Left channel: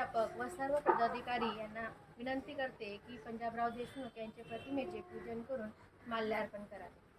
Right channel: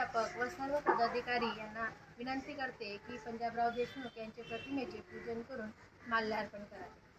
मुख्याध्यापक व सर्व पदाधिकारी यांना विनंती करते की पंजाबराव देशमुख यांचे प्रतिमेचे पूजन करून माल्यार्पण करावे.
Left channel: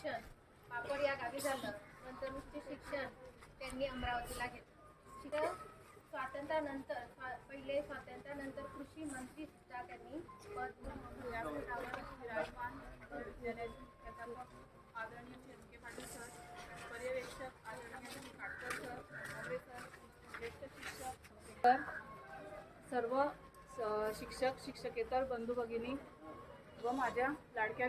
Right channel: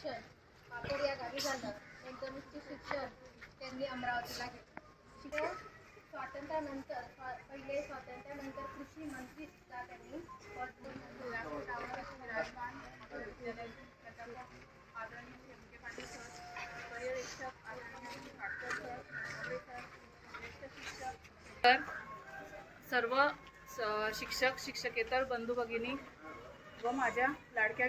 शिक्षण. पापड या गावी झालं नंतर उच्च शिक्षण. त्यांनी अमरावतीला घेतलं. स्वातंत्र्यानंतर स्वा पहिले स्वातंत्र्यानंतर कृषी मंत्री सुद्धा त्यांनी विराजमान आदरणीय शेमके पाटील सर पर्यवेक्षक आदरणीय सर सर ज्येष्ठ शिक्षक. तर सर्व शिक्षक शिक्षकेतर बंधू भगिनी व माझ्या लाडक्या